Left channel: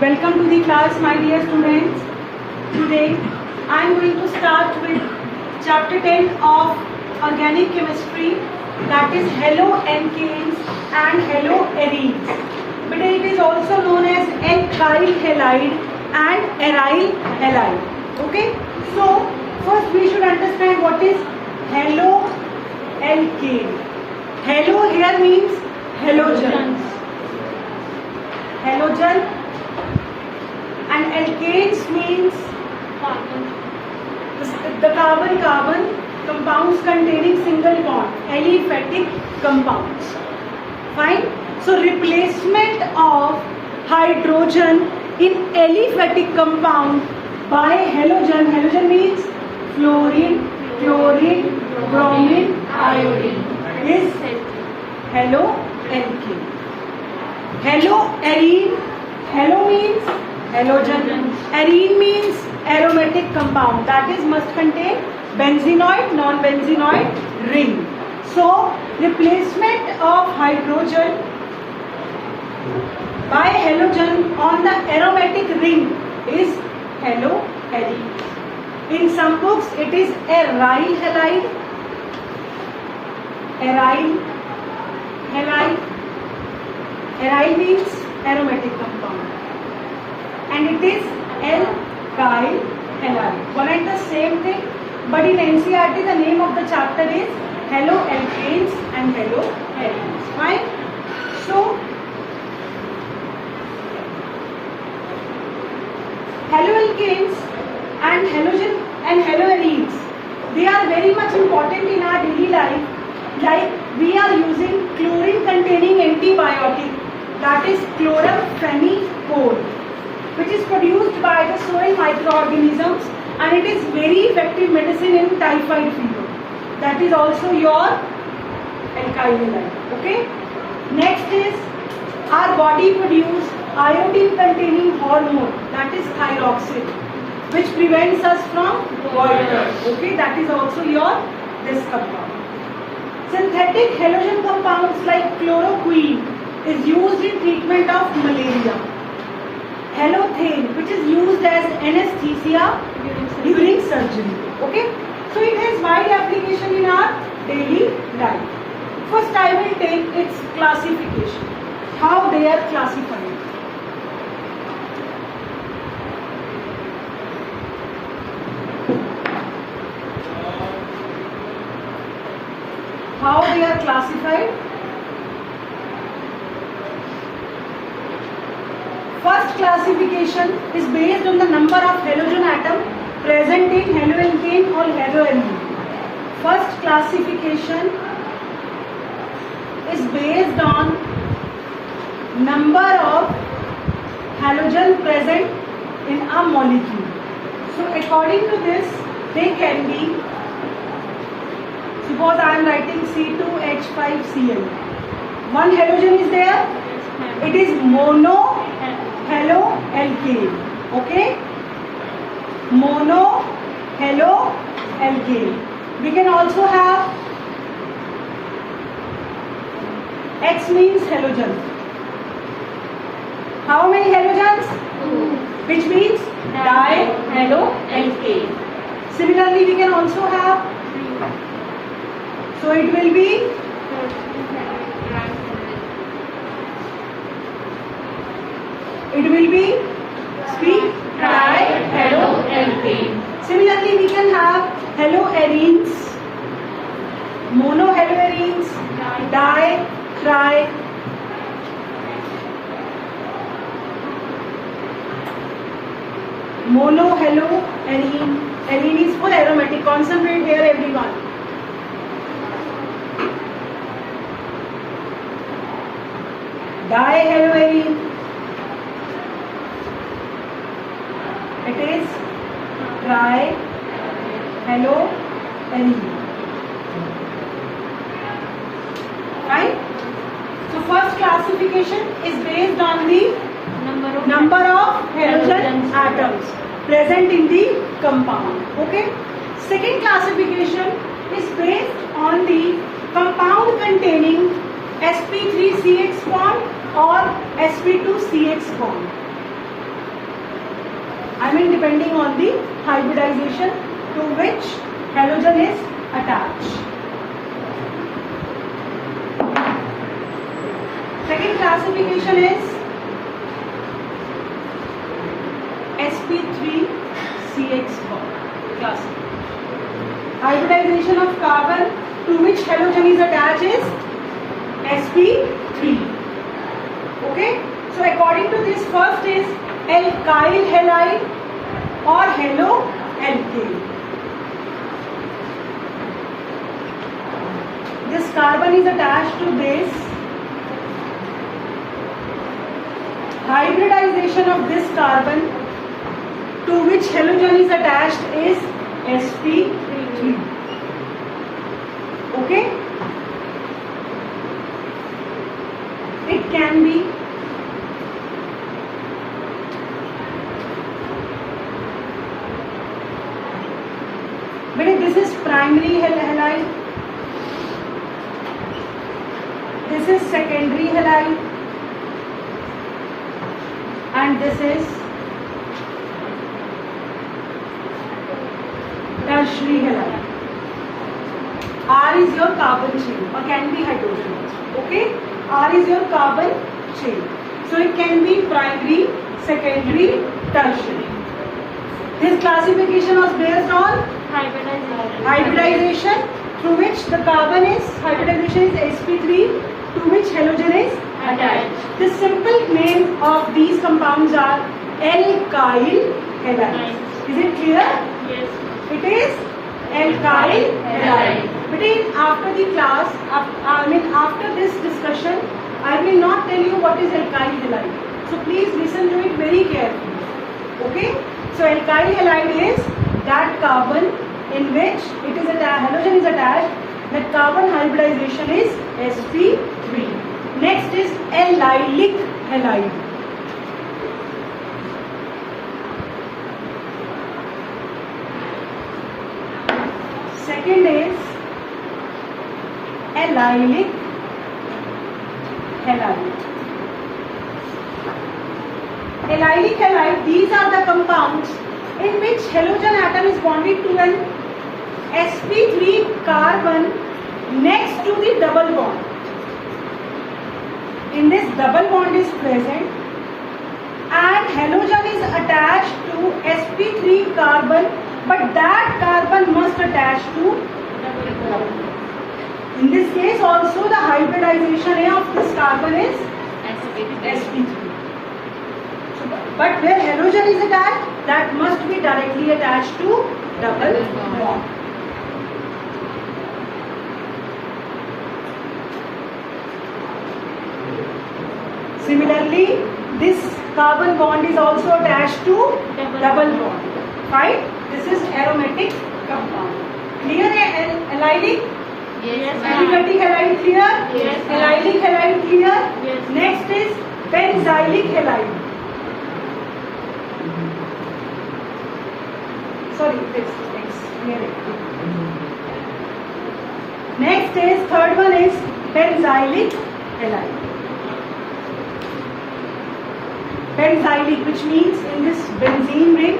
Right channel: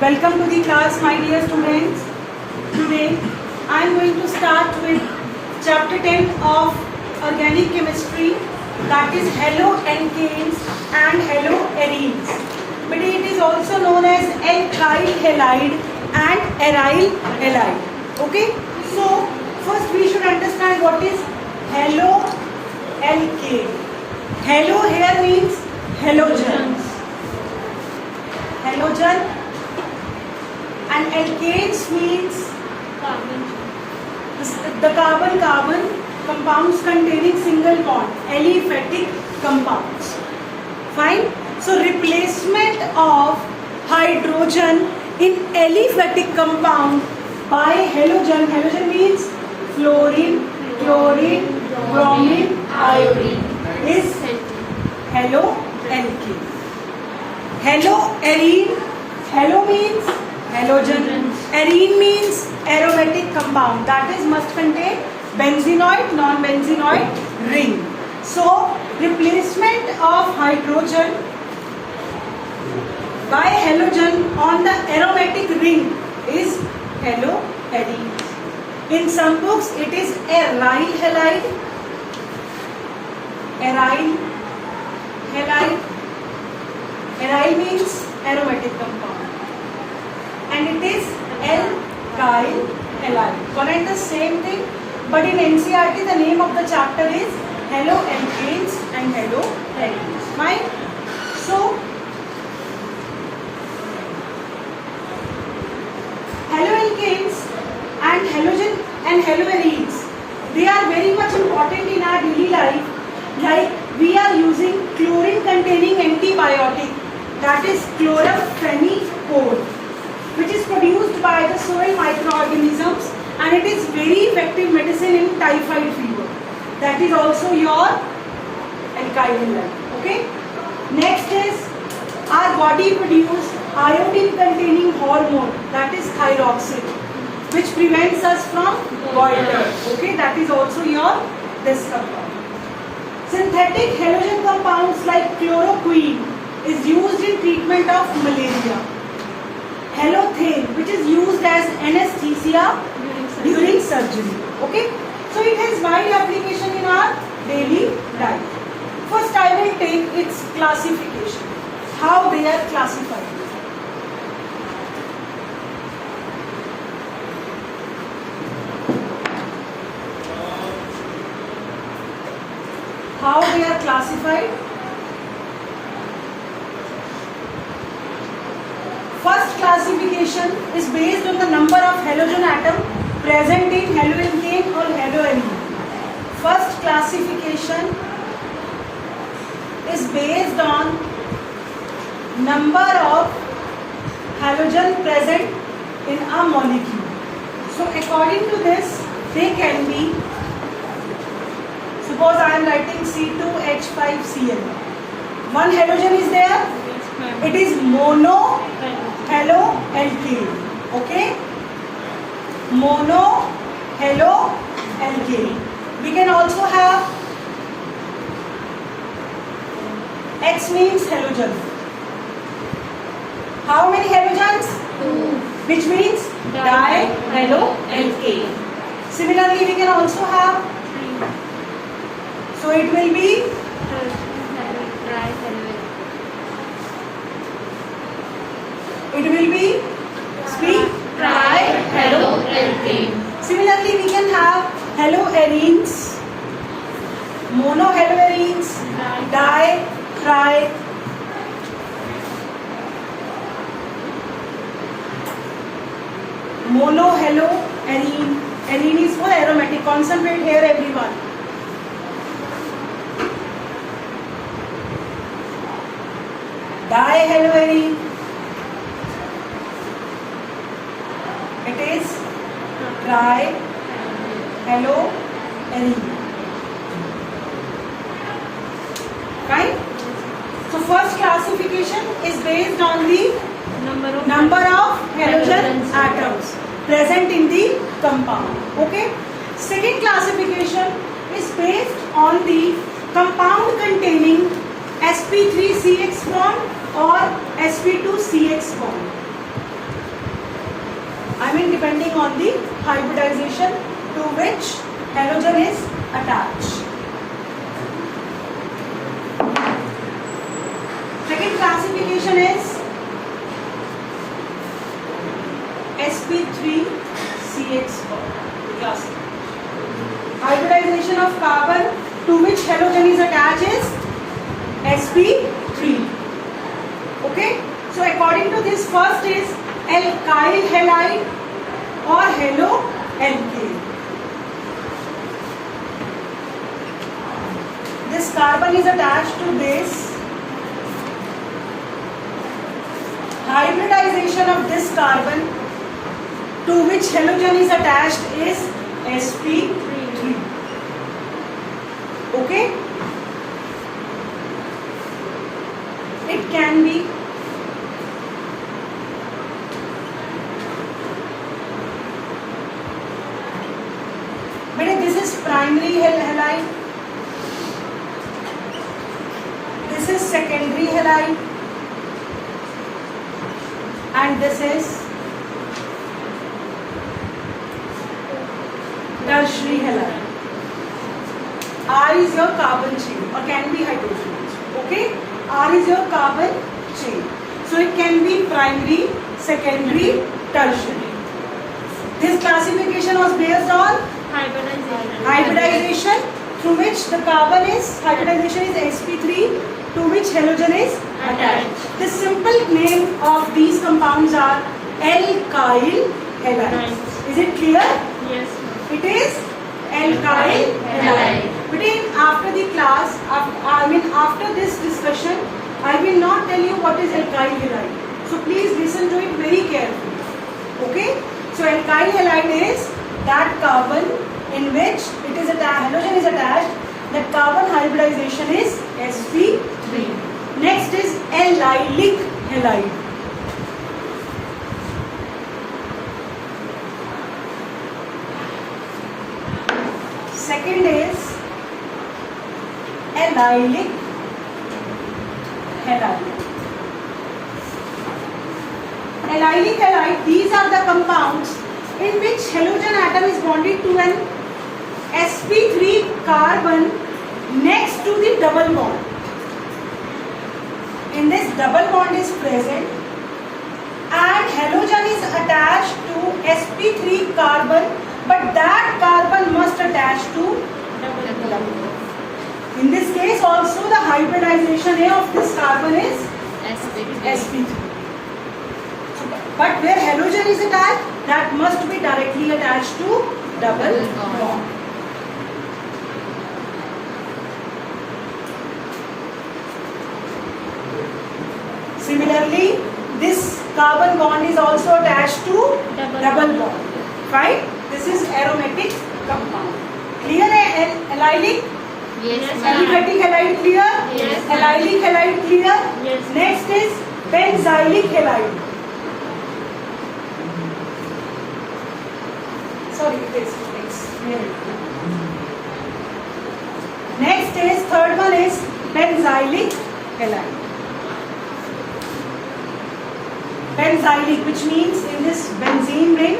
Welcome to the class, my dear students. Today I am going to start with chapter 10 of organic chemistry, that is haloalkanes and haloarenes. But it is also known as alkyl halide and aryl halide. Okay, so first we should understand what is haloalkane. Halo here means halogen. Halogen. And alkanes means the carbon-carbon compounds containing single bond, aliphatic compounds. Fine. So replacement of hydrogen in aliphatic compound by halogen. Halogen means fluorine, chlorine, bromine, iodine is haloalkane. Haloarene. Halo means halogen. Arene means aromatic compound, that is must contain benzenoid, non-benzenoid ring. So replacement of hydrogen by halogen on the aromatic ring is haloarene. In some books it is aryl halide. Aryl halide. Aryl means aromatic compound. And it is alkyl halide. One and the same thing, but in NCERT the name of the chapter is haloalkanes and haloarenes. Fine. So haloalkanes and halogen and haloarenes, they are very much important in our daily life. Like we are using chlorine containing antibiotic, that is chloramphenicol, which is produced by the soil microorganisms, and it is very effective medicine in typhoid fever. That is also your alkyl halide. Okay. Next is our body produce iodine containing hormone, that is thyroxine, which prevents us from goiter. Okay. That is also your this compound. Synthetic halogen compounds like chloroquine is used in treatment of malaria. Halothane, which is used as anesthesia during surgery. Okay, so it has wide application in our daily life. First I will take its classification, how they are classified. How they are classified? First classification is based on the number of halogen atom present in haloalkane or haloarene. First classification is based on number of halogen present in a molecule. So according to this, they can be, suppose I am writing C2H5Cl. One halogen is there. It is mono haloalkane. Okay, mono haloalkane. We can also have X means halogen. How many halogens? 2. Which means dihaloalkane. Similarly, we can also have, so it will be speak trihaloalkane. Similarly, we can have haloarenes, monohaloarenes, di, tri. Monohaloarene. Arene is for aromatic. Concentrate here, everyone. Dihaloarene. It is trihaloarene. Right? So first classification is based on the number of halogen atoms present in the compound. Okay. Second classification is based on the compound containing sp3CH bond or sp2CH bond. I mean depending on the hybridization to which halogen is attached. Second classification is sp3CH classification. Hybridization of carbon to which halogen is attached is sp3. Okay, so according to this, first is alkyl halide or haloalkane. This carbon is attached to this. Hybridization of this carbon to which halogen is attached is sp3. Okay, it can be this is primary halide, this is secondary halide, and this is tertiary halide. R is your carbon chain or can be hydrogen. Okay, R is your carbon chain. So it can be primary, secondary, tertiary. This classification was based on hybridization through which the carbon is, hybridization is sp3 to which halogen is attached. The simple name of these compounds are alkyl halides. Is it clear? Yes. It is alkyl halide. But after the class, after this discussion, I will not tell you what is alkyl halide. So please listen to it very carefully. Okay? So alkyl halide is that carbon in which it is halogen is attached. That carbon hybridization is sp3. Next is allylic halide. Second is allylic halide. Allylic halide, these are the compounds in which halogen atom is bonded to an sp3 carbon next to the double bond. In this double bond is present and halogen is attached to sp3 carbon, but that carbon must attach to double bond. In this case also the hybridization A of this carbon is sp3. So, but where halogen is attached, that must be directly attached to double bond. Similarly, this carbon bond is also attached to double bond. Fine? This is aromatic compound. Clear? Allylic? Yes. Aliphatic halide clear? Yes. Allylic halide clear? Yes. Next is benzylic halide. Sorry, this near it. Next is third one is benzylic halide. Benzylic, which means in this benzene ring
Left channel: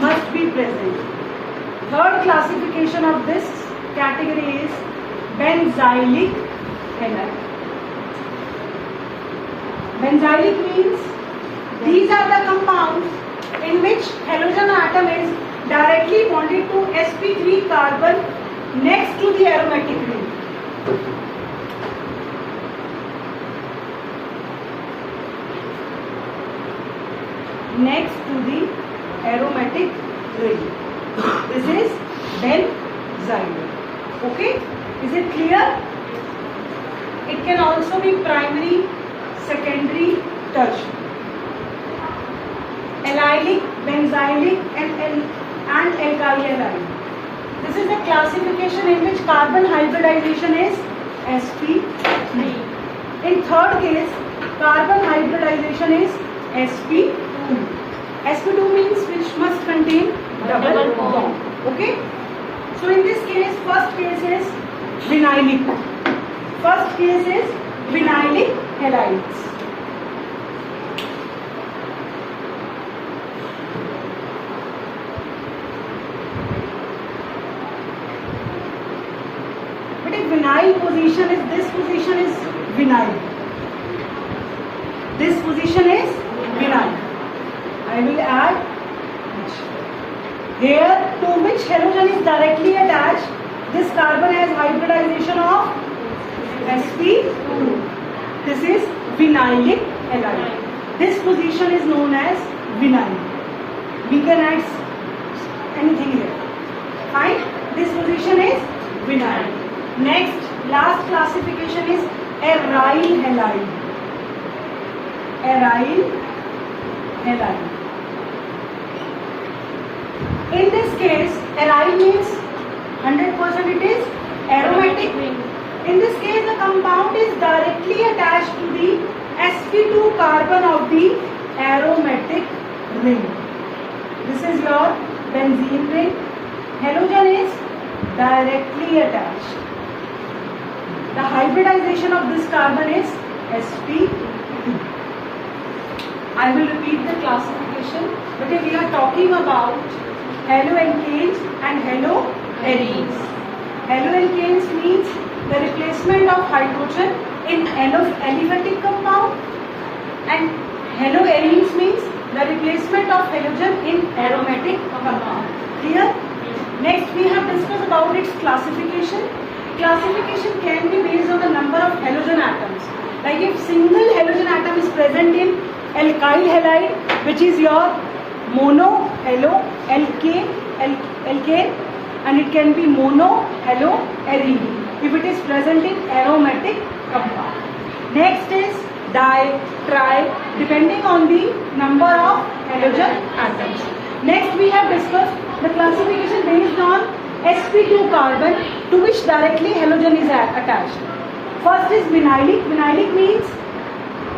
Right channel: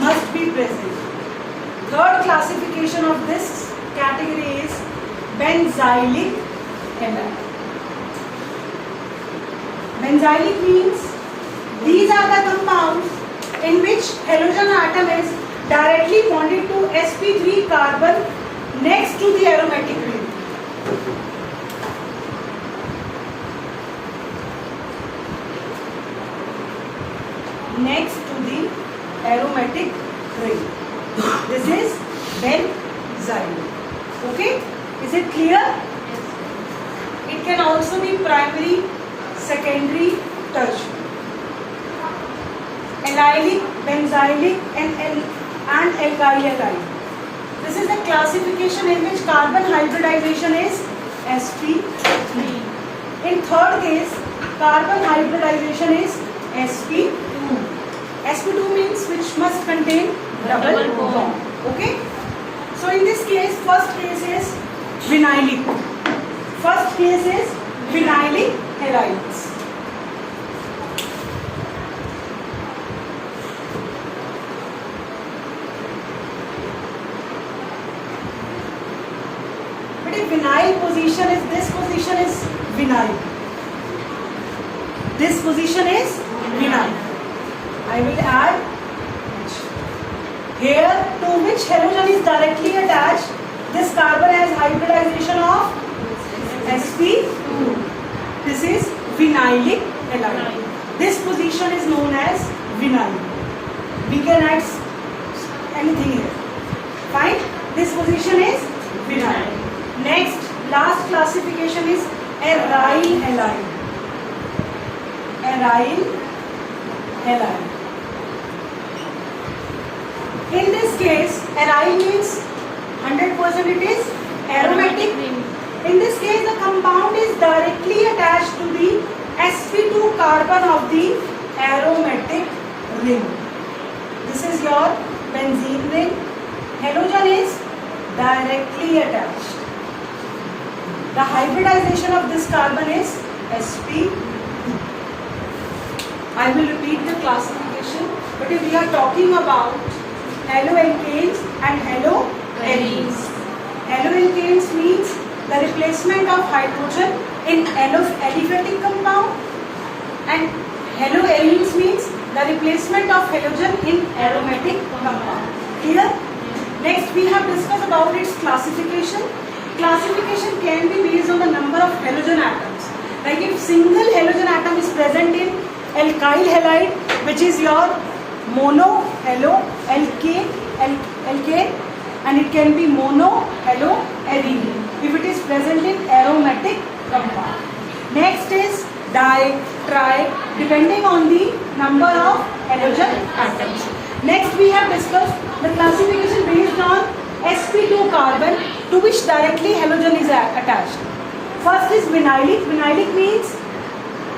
must be present. Third classification of this category is benzylic halide. Benzylic means these are the compounds in which halogen atom is directly bonded to sp3 carbon next to the aromatic ring. Next to the aromatic ring. This is benzylic. Okay? Is it clear? It can also be primary, secondary, tertiary. Allylic, benzylic and alkyl halide. This is the classification in which carbon hybridization is sp3. In third case, carbon hybridization is sp2. sp2 means which must contain double bond. Okay? So in this case, first case is vinylic. First case is vinylic halides. But if vinyl position is, this position is vinyl. This position is vinyl. I will add here to which halogen is directly attached. This carbon has hybridization of sp2. This is vinylic halide. This position is known as vinyl. We can add anything here. Fine. This position is vinyl. Next, last classification is aryl halide. Aryl halide. In this case, aryl means 100% it is aromatic. In this case, the compound is directly attached to the sp2 carbon of the aromatic ring. This is your benzene ring. Halogen is directly attached. The hybridization of this carbon is sp2. I will repeat the classification, but if we are talking about haloalkanes and haloarenes. Haloalkanes means the replacement of hydrogen in aliphatic compound, and haloarenes means the replacement of halogen in aromatic compound. Clear? Next, we have discussed about its classification. Classification can be based on the number of halogen atoms. Like if single halogen atom is present in alkyl halide, which is your mono halo alkane, and it can be mono halo arene if it is present in aromatic compound. Next is di, tri, depending on the number of halogen atoms. Next, we have discussed the classification based on sp2 carbon to which directly halogen is attached. First is vinylic. Vinylic means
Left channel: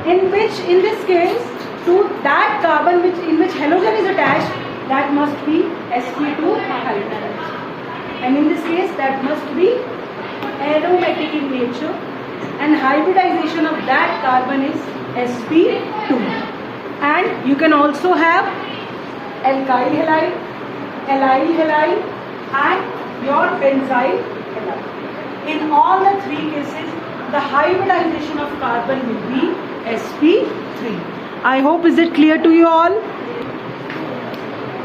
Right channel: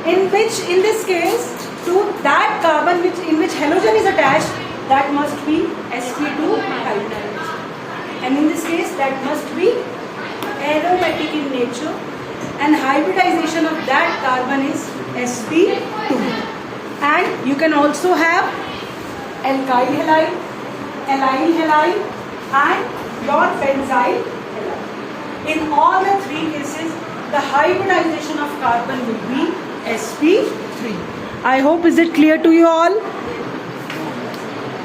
in this case, to that carbon in which halogen is attached, that must be sp2 hybridized. And in this case, that must be aromatic in nature, and hybridization of that carbon is sp2. And you can also have alkyl halide, allyl halide, and your benzyl halide. In all the three cases, the hybridization of carbon will be sp3. I hope is it clear to you all?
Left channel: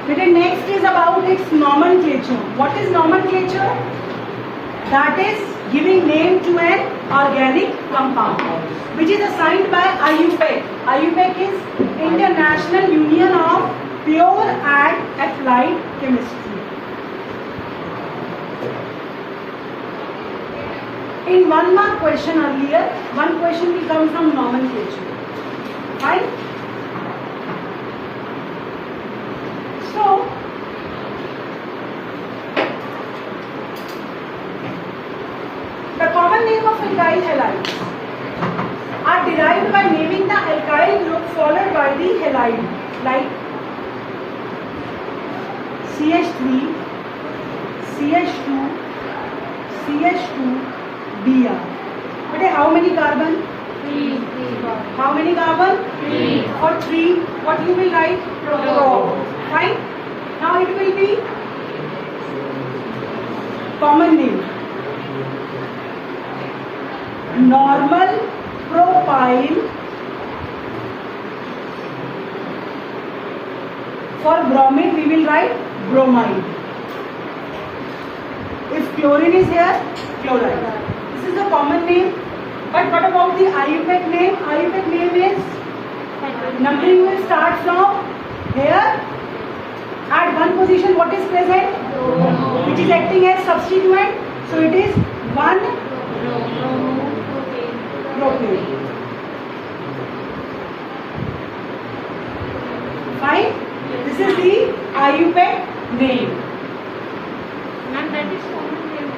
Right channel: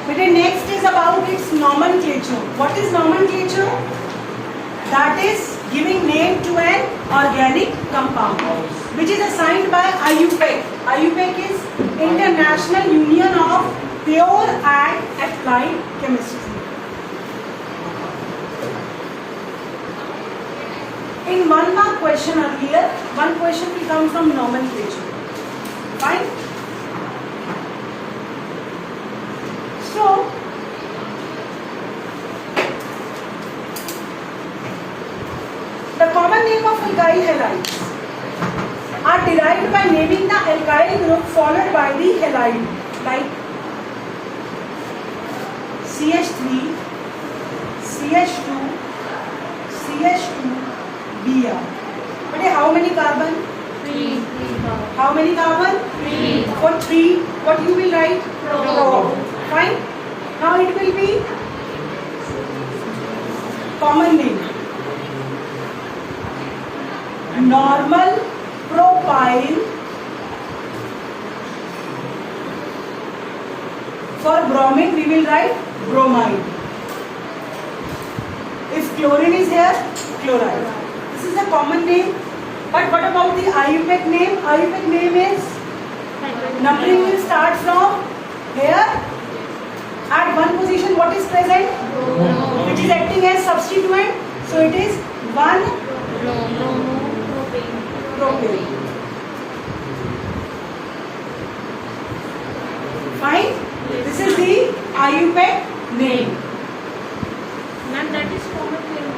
But the next is about its nomenclature. What is nomenclature? That is giving name to an organic compound, which is assigned by IUPAC. IUPAC is International Union of Pure and Applied Chemistry. In 1 mark question earlier, one question will come from nomenclature. Fine? So, the common name of alkyl halides are derived by naming the alkyl group followed by the halide, like CH3, CH2, CH2, Br. But how many carbon? 3. How many carbon? 3. For 3, what you will write? Pro. Fine. Now it will be common name. Normal propyl. For bromine, we will write bromide. If chlorine is here, chloride. This is the common name. But what about the IUPAC name? IUPAC name is, numbering will start from here. At one position, what is present? Which is acting as substituent. So it is 1 propane. Fine. This is the IUPAC name. Ma'am, that is common name.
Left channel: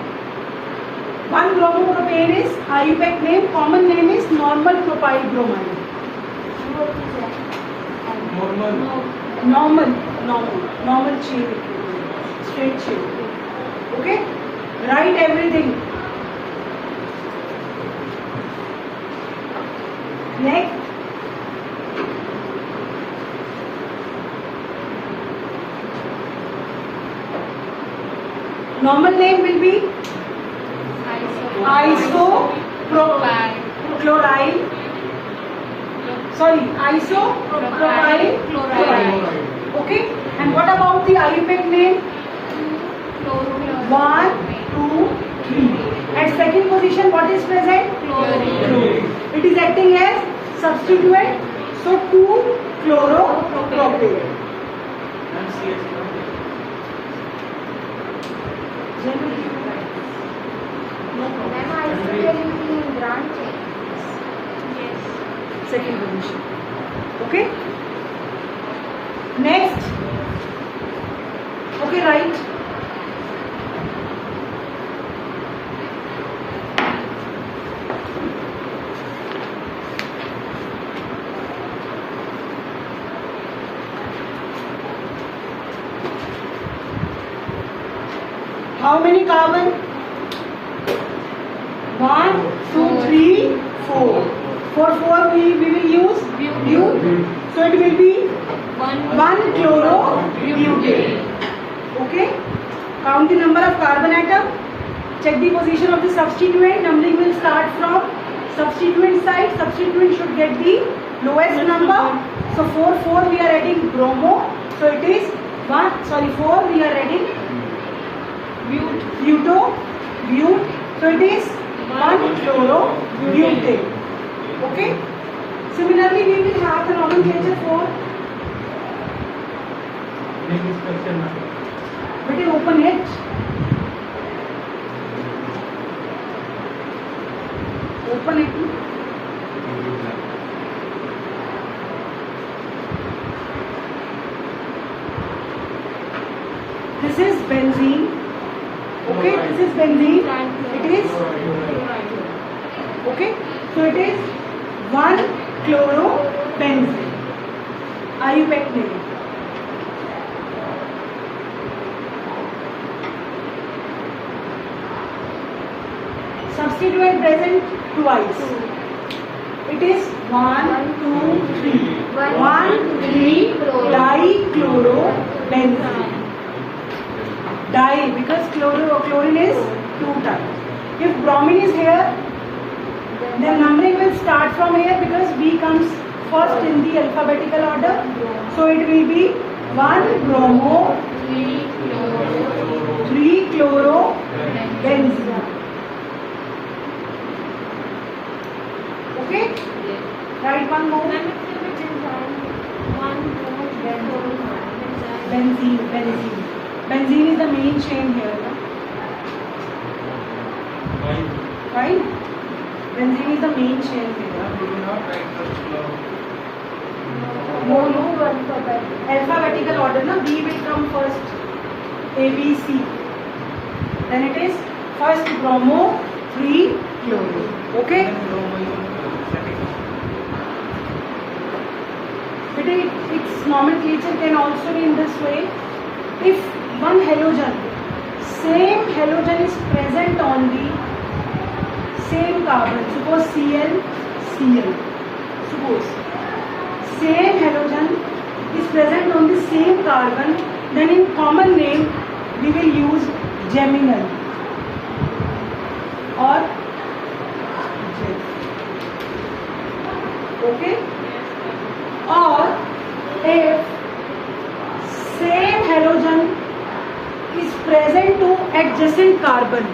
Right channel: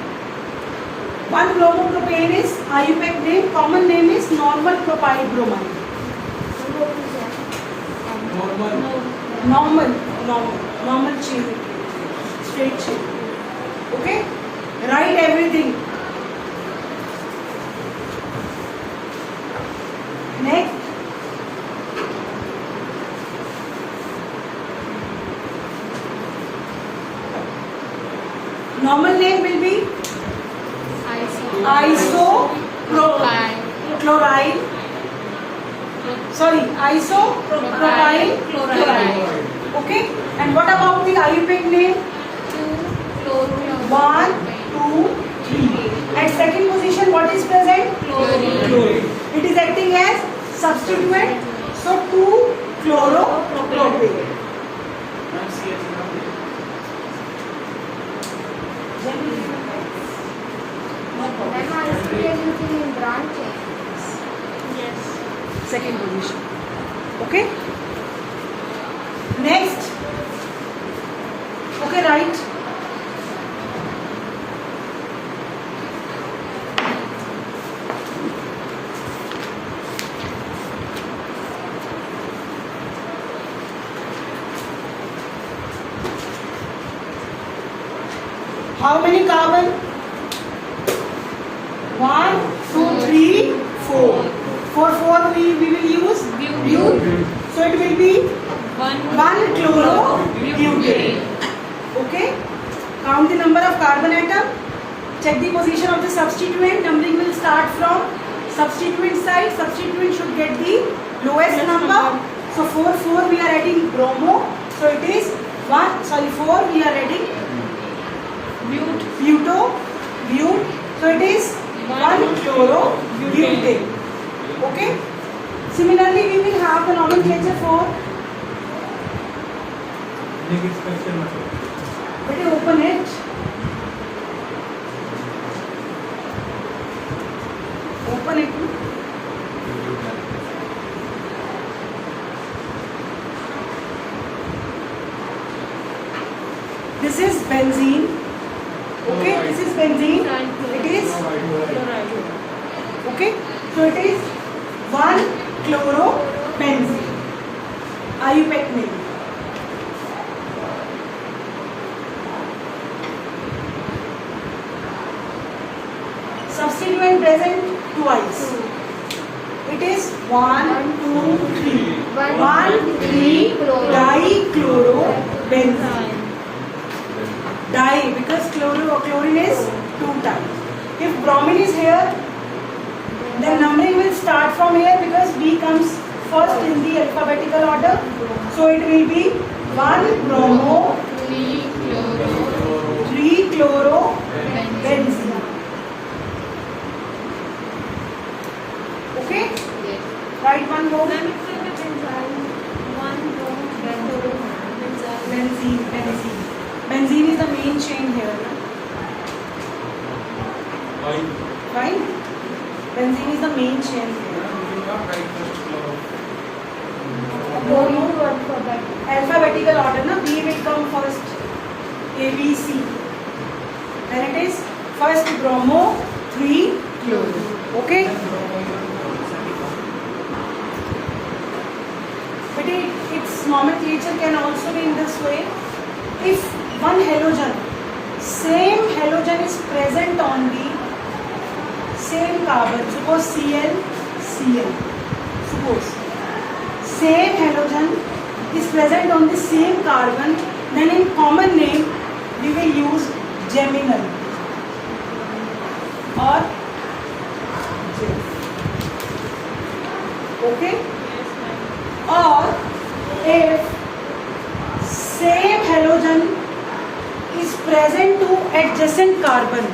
1 bromopropane is IUPAC name. Common name is normal propyl bromide. Normal chain. Straight chain. Okay? Write everything. Next. Normal name will be isopropyl chloride. Okay, and what about the IUPAC name? 1, 2, 3. At second position, what is present? Chlorine. It is acting as substituent, so 2-chloropropane. Second position. Okay. Next. Okay, right. How many carbon? 1, 2, 3, 4. For 4 we will use bute. So it will be 1-chlorobutane. Okay. Count the number of carbon atom. Check the position of the substituent. Numbering will start from substituent side. Substituent should get the lowest number. So 4 we are adding bromo. So it is 4 we are adding bute. So it is 1-chlorobutane. Okay. Similarly, we will have the nomenclature for. But you open it. Open it. This is benzene. Okay, this is benzene. It is. Okay, so it is 1-chlorobenzene. IUPAC name. Substituent present twice. It is 1, 2, 3. 1,3 dichlorobenzene. Di because chlorine is 2 times. If bromine is here, then numbering will start from here because B comes first in the alphabetical order. So it will be 1-bromo, 3-chlorobenzene. Okay? Write one more. Benzene. Benzene is the main chain here. No? Fine? Benzene is the main chain here. Alphabetical order, no? B will come first. A, B, C. Then it is first bromo, 3-chloro. Okay? But its nomenclature can also be in this way. If one halogen, same halogen is present on the same carbon, suppose Cl, suppose same halogen is present on the same carbon, then in common name we will use geminal or gel. Okay? Or if same halogen is present to adjacent carbon,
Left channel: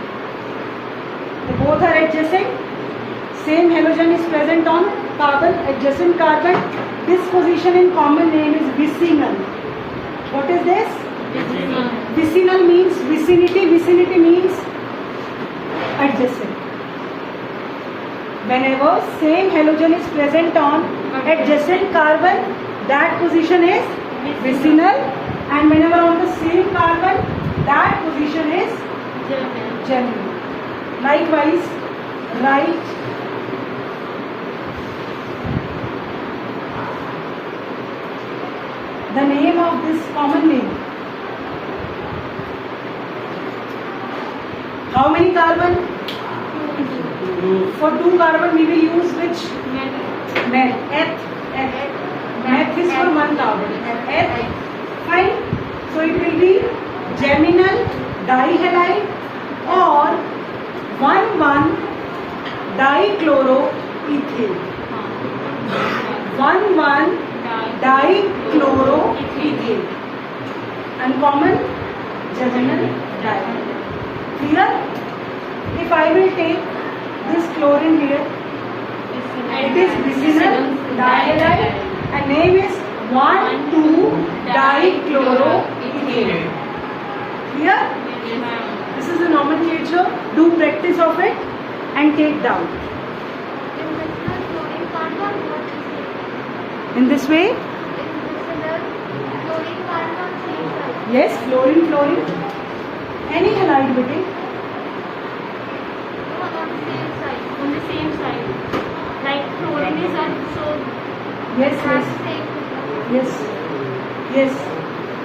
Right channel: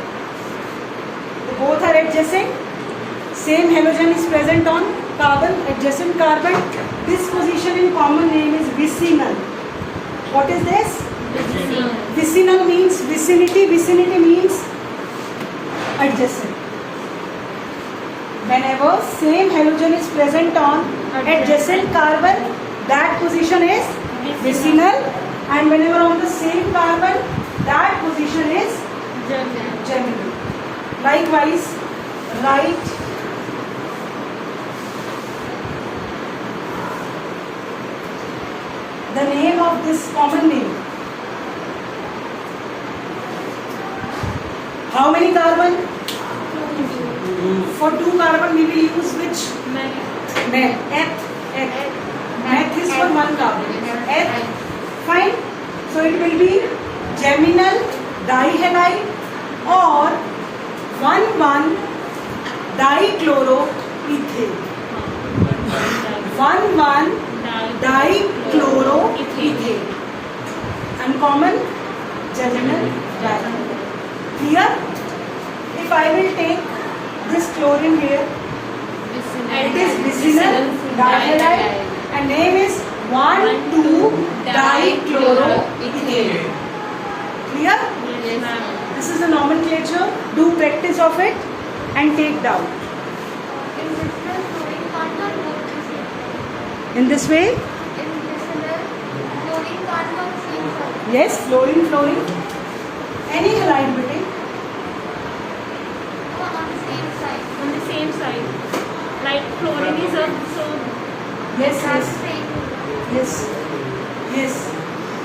both are adjacent, same halogen is present on carbon, adjacent carbon, this position in common name is vicinal. What is this? Vicinal means vicinity means adjacent. Whenever same halogen is present on adjacent carbon, that position is vicinal, and whenever on the same carbon, that position is geminal. Likewise, write the name of this common name. How many carbon? For 2 carbon we will use which? Meth. Meth is for 1 carbon. Eth. Fine. So it will be geminal dihalide or 1,1 dichloroethane. 1,1 dichloroethane. Uncommon germinal diamond. Clear? If I will take this chlorine here, it is vicinal dihalide and name is 1,2-dichloroethane. Clear? Yes, ma'am. This is the nomenclature. Do practice of it and take down. In vicinal chlorine can't work same. In this way, In vicinal chlorine can't work same side. yes, fluorine. Any halide bete. No, on the same side. On the same side. Like chlorine is up, so Yes, That's yes, same. yes.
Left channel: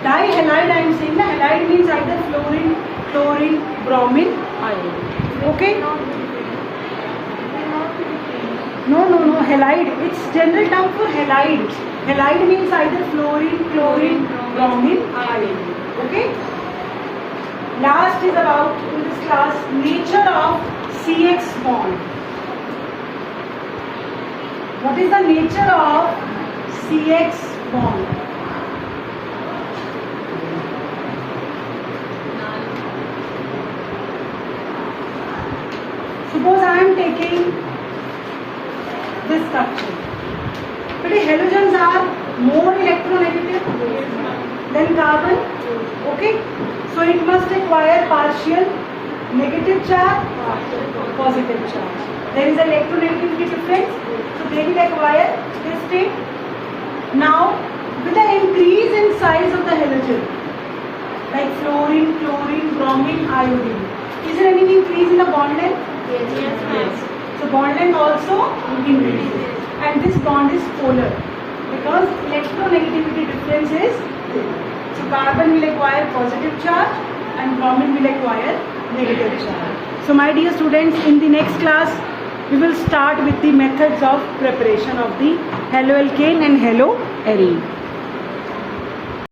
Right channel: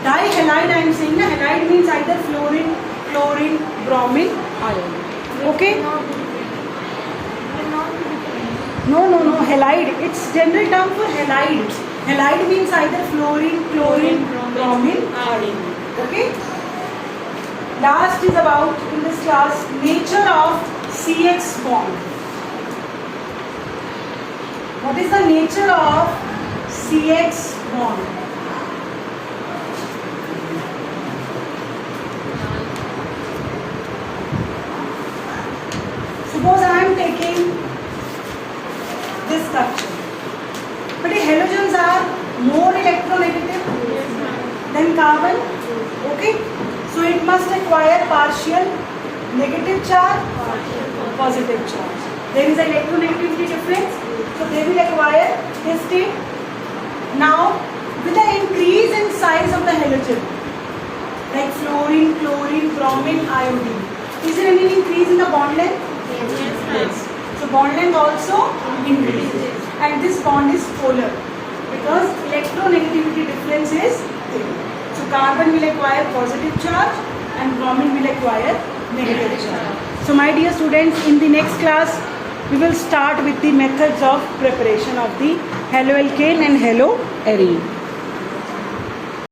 Dihalide I am saying. Na halide means either fluorine, chlorine, bromine, iodine. Okay? No. Halide. It's general term for halide. Halide means either fluorine, chlorine, bromine, iodine. Okay? Last is about in this class nature of CX bond. What is the nature of CX bond? Suppose I am taking this structure. But the halogens are more electronegative than carbon. Okay? So it must acquire partial negative charge, positive charge. There is an electronegativity difference. So they will acquire this state. Now, with the increase in size of the halogen, like fluorine, chlorine, bromine, iodine, is there any increase in the bond length? Yes. So bond length also increases. And this bond is polar because electronegativity difference is there. So carbon will acquire positive charge and bromine will acquire negative charge. So my dear students, in the next class, we will start with the methods of preparation of the haloalkane and haloarine.